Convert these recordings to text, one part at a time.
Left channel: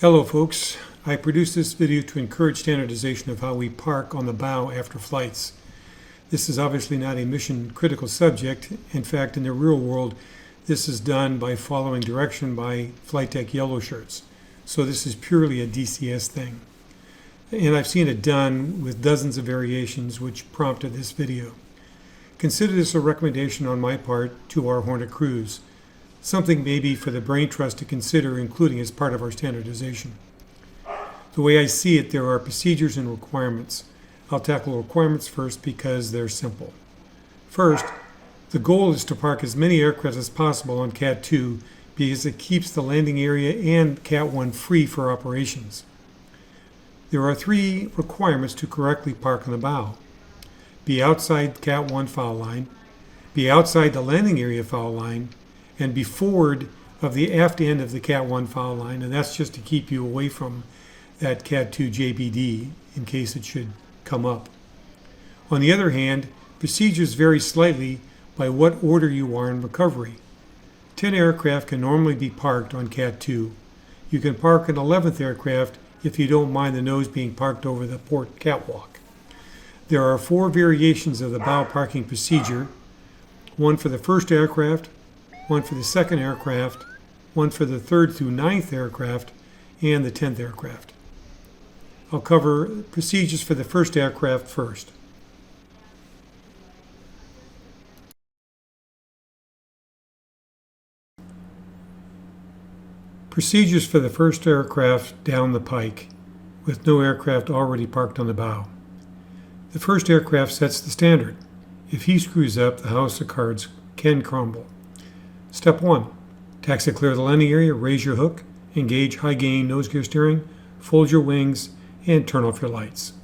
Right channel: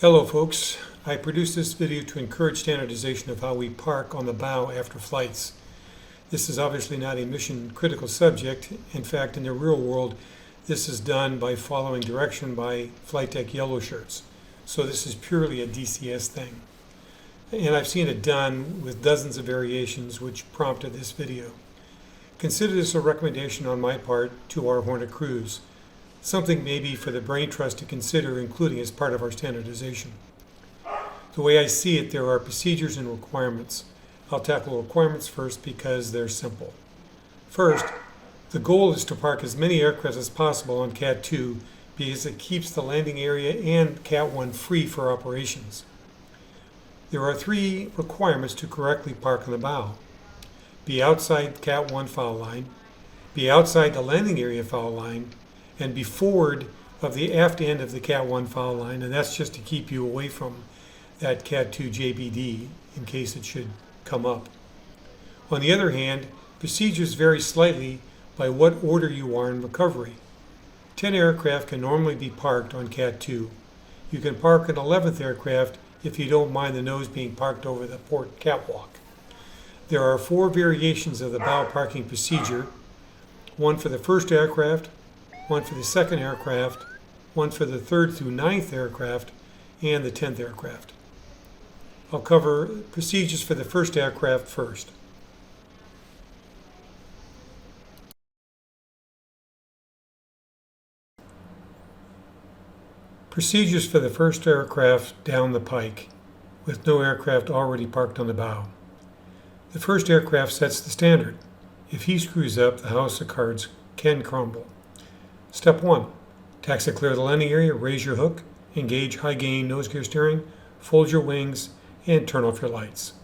Hello folks, I produced this video to encourage standardization of how we park on the bow after flights. This is obviously not a mission critical subject. In fact, in the real world, this is done by following direction by flight deck yellow shirts. So this is purely a DCS thing. And I've seen it done with dozens of variations which prompted this video. Consider this a recommendation on my part to our Hornet crews. Something maybe for the brain trust to consider including as part of our standardization. The way I see it, there are procedures and requirements. I'll tackle requirements first because they're simple. First, the goal is to park as many aircraft as possible on Cat 2 because it keeps the landing area and Cat 1 free for operations. There are three requirements to correctly park on the bow. Be outside Cat 1 foul line, be outside the landing area foul line, and be forward of the aft end of the Cat 1 foul line, and that's just to keep you away from that Cat 2 JBD in case it should come up. On the other hand, procedures vary slightly by what order you are in recovery. 10 aircraft can normally be parked on Cat 2. You can park an 11th aircraft if you don't mind the nose being parked over the port catwalk. There are 4 variations of the bow parking procedure, one for the first aircraft, one for the second aircraft, one for the 3rd through 9th aircraft, and the 10th aircraft. I'll cover procedures for the first aircraft first. Procedures for the first aircraft down the pike, with no aircraft already parked on the bow. The first aircraft sets the standard. If he screws up, the house of cards can crumble. Step 1. Taxi clear the landing area, raise your hook, engage high gain nose gear steering, fold your wings, and turn off your lights.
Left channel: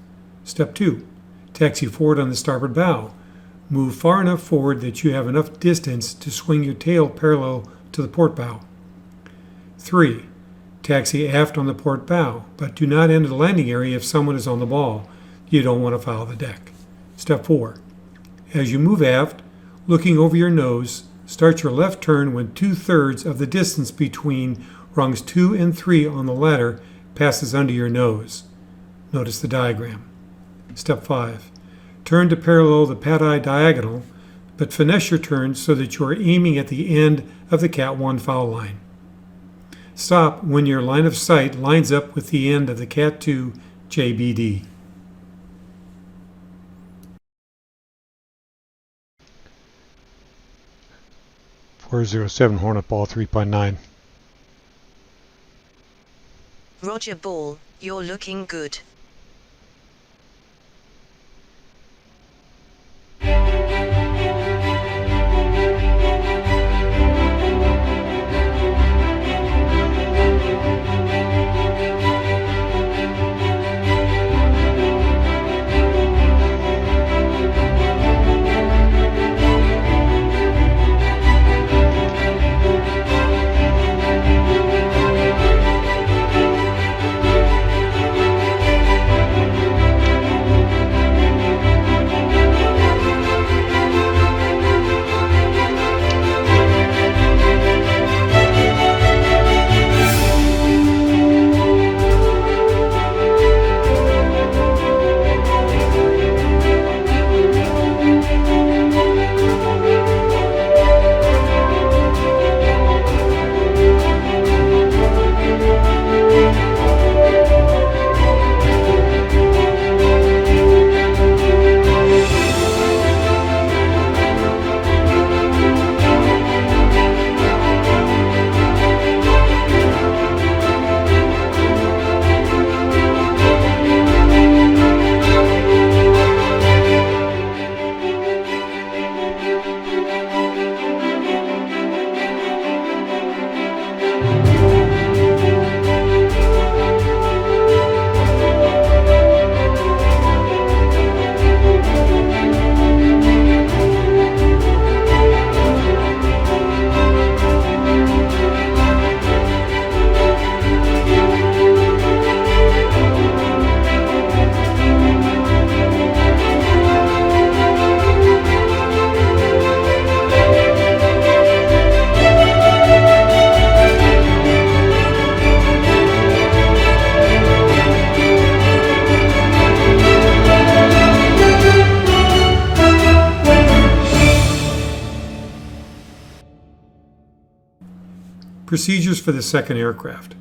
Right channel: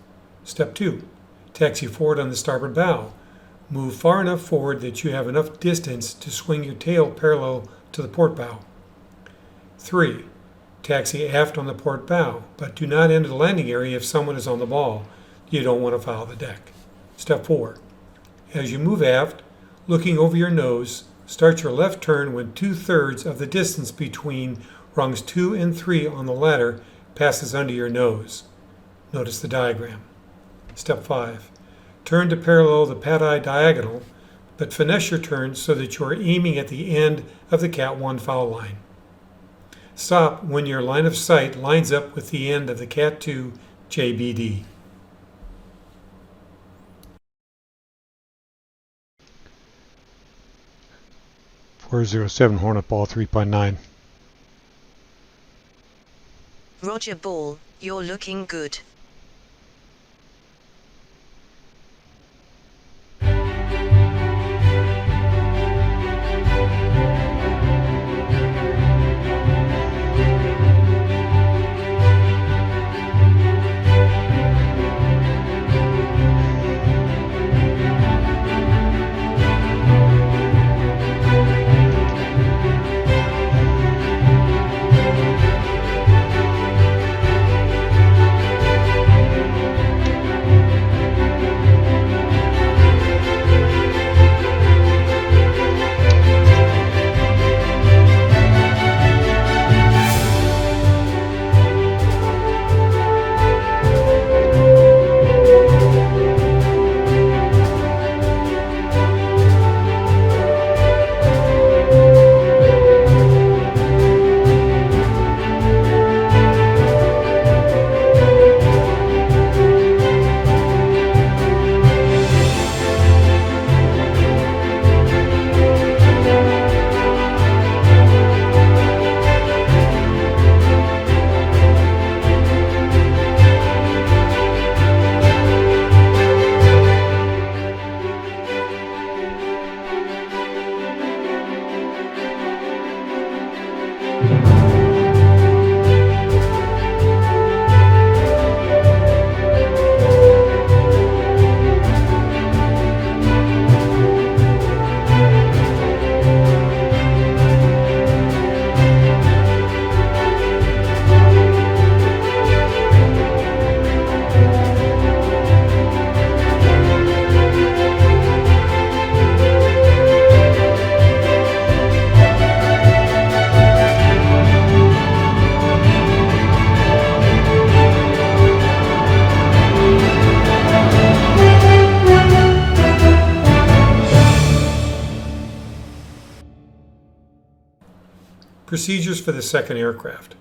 Step 2. Taxi forward on the starboard bow. Move far enough forward that you have enough distance to swing your tail parallel to the port bow. 3. Taxi aft on the port bow, but do not enter the landing area if someone is on the ball. You don't want to foul the deck. Step 4. As you move aft, looking over your nose, start your left turn when 2/3 of the distance between rungs 2 and 3 on the ladder passes under your nose. Notice the diagram. Step 5. Turn to parallel the pad-eye diagonal, but finesse your turn so that you are aiming at the end of the Cat 1 foul line. Stop when your line of sight lines up with the end of the Cat 2 JBD. Hornet Ball 3.9. Roger Ball, you're looking good. Procedures for the second aircraft.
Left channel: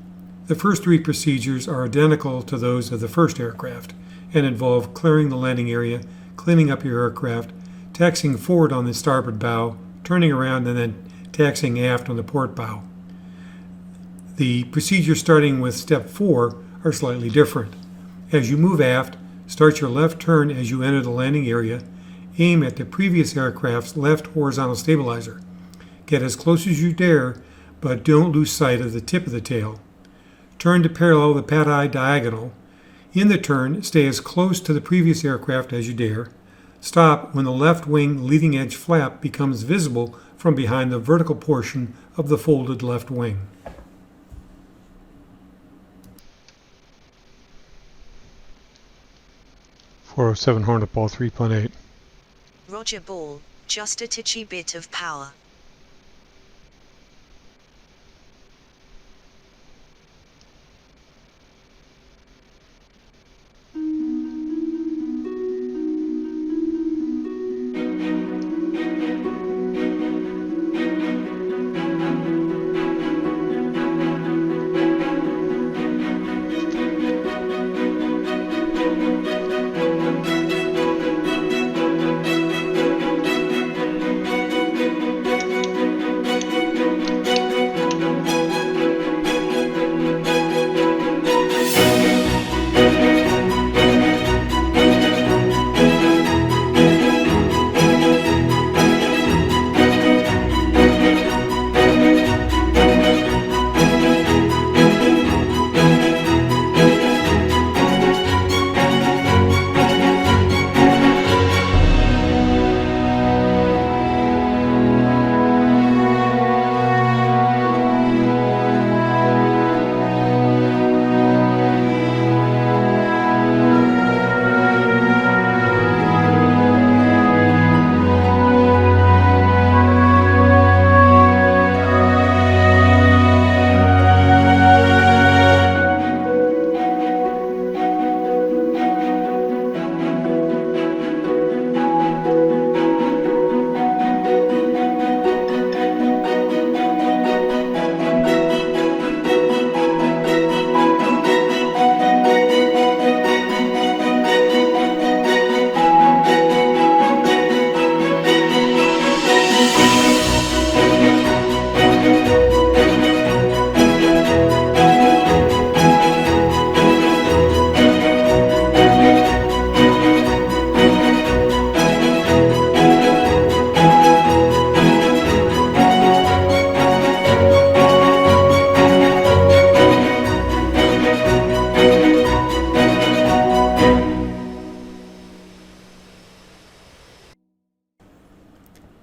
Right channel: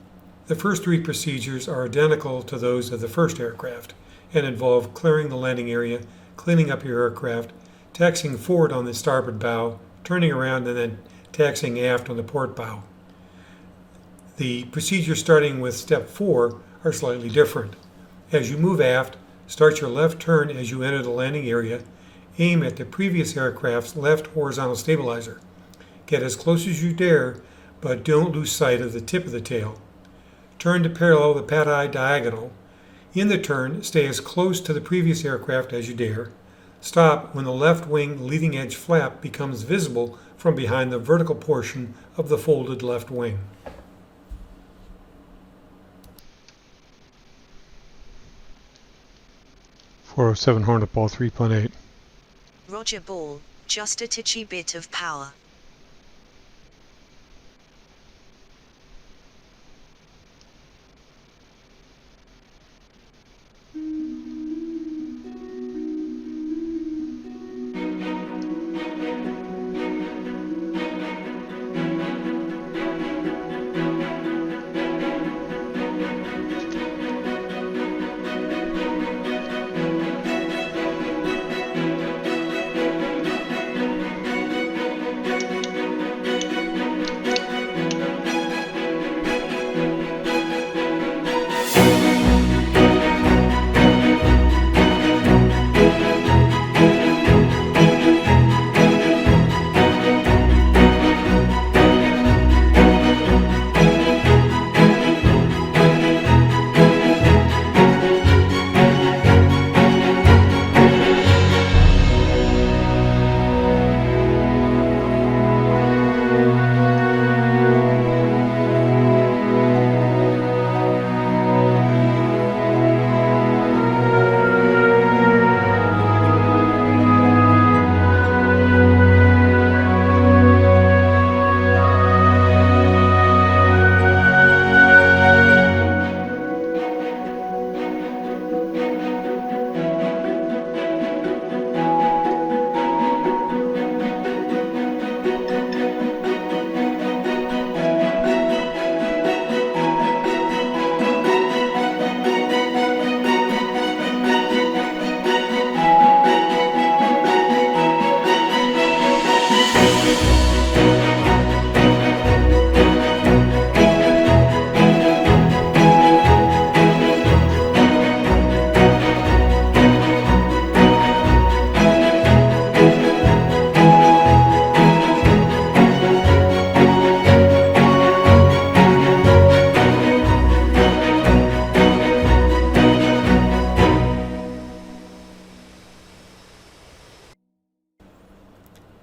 The first three procedures are identical to those of the first aircraft and involve clearing the landing area, cleaning up your aircraft, taxiing forward on the starboard bow, turning around, and then taxiing aft on the port bow. The procedures starting with step 4 are slightly different. As you move aft, start your left turn as you enter the landing area. Aim at the previous aircraft's left horizontal stabilizer. Get as close as you dare, but don't lose sight of the tip of the tail. Turn to parallel the pad-eye diagonal. In the turn, stay as close to the previous aircraft as you dare. Stop when the left wing leading edge flap becomes visible from behind the vertical portion of the folded left wing. .407 Hornet Ball 3.8. Roger Ball, just a titchy bit of power.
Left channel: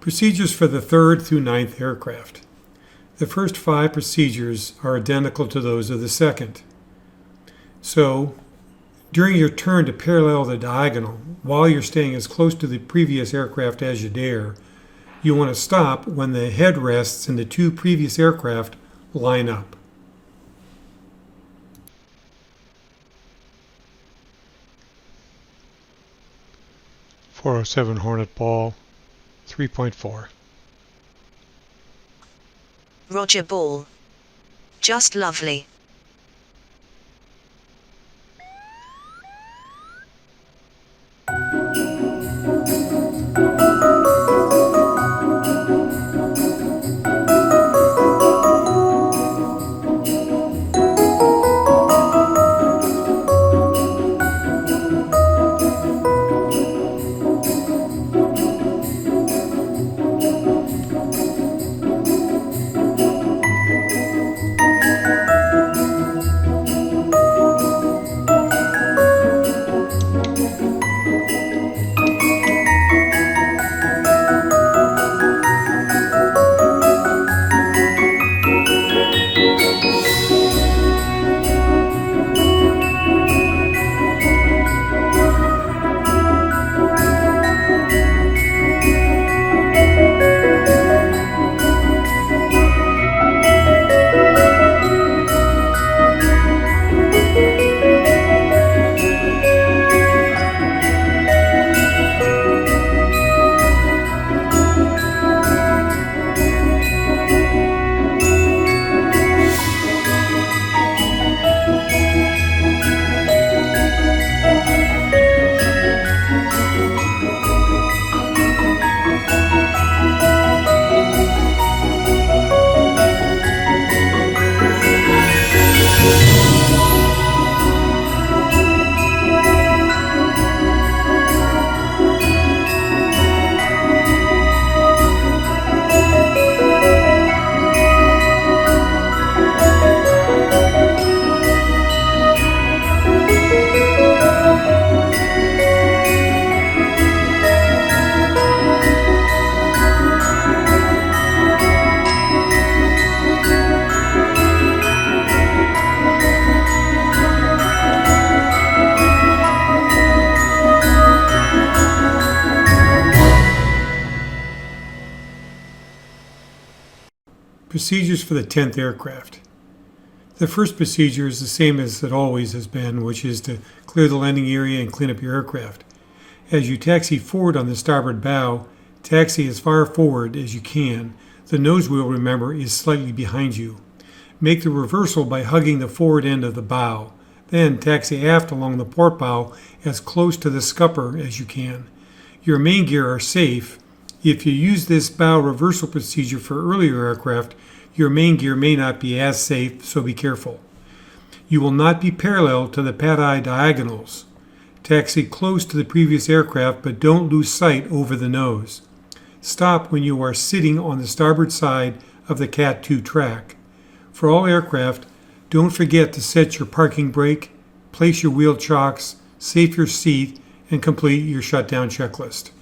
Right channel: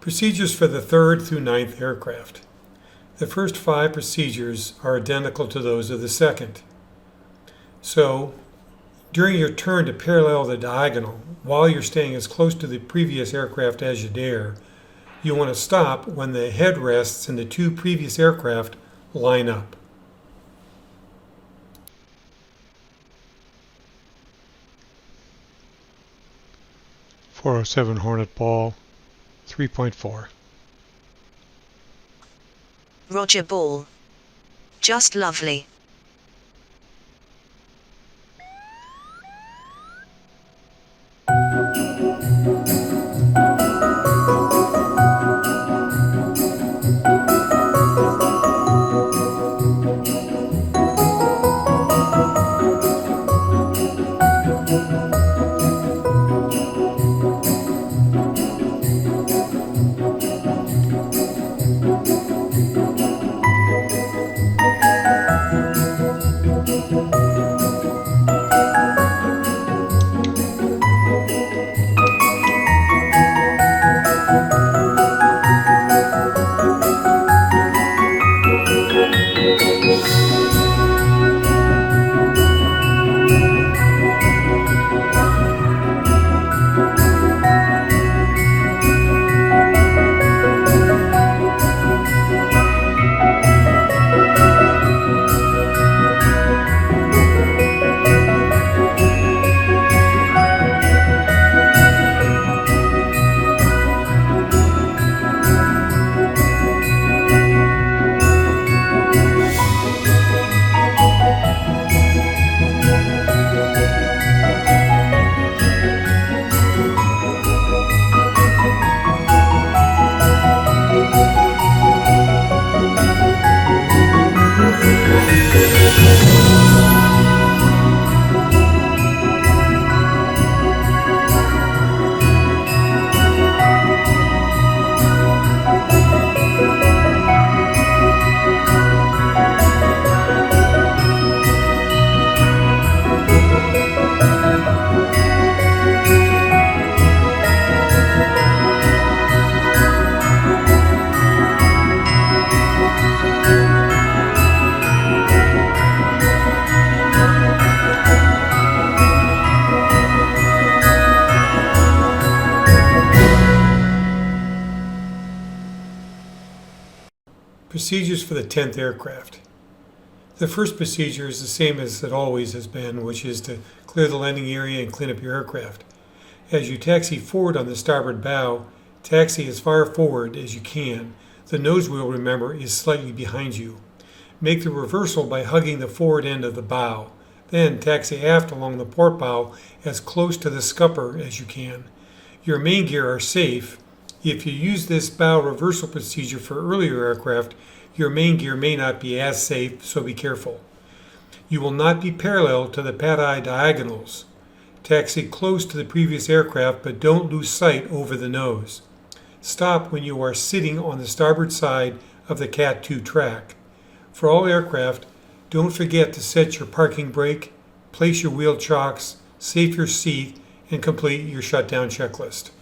Procedures for the third through ninth aircraft. The first 5 procedures are identical to those of the second. So, during your turn to parallel the diagonal, while you're staying as close to the previous aircraft as you dare, you want to stop when the headrests in the 2 previous aircraft line up. .407 Hornet Ball 3.4. Roger Ball. Just lovely. Procedures for the 10th aircraft. The first procedure is the same as it always has been, which is to clear the landing area and clean up your aircraft. As you taxi forward on the starboard bow, taxi as far forward as you can. The nose wheel, remember, is slightly behind you. Make the reversal by hugging the forward end of the bow. Then taxi aft along the port bow as close to the scupper as you can. Your main gear are safe. If you use this bow reversal procedure for earlier aircraft, your main gear may not be as safe, so be careful. You will not be parallel to the pad-eye diagonals. Taxi close to the previous aircraft, but don't lose sight over the nose. Stop when you are sitting on the starboard side of the Cat 2 track. For all aircraft, don't forget to set your parking brake, place your wheel chocks, safe your seat, and complete your shutdown checklist.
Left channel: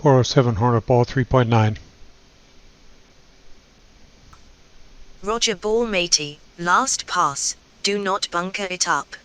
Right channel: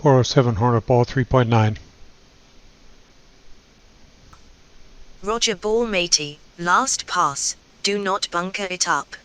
Hornet ball 3.9. Roger ball matey, last pass, do not bunker it up.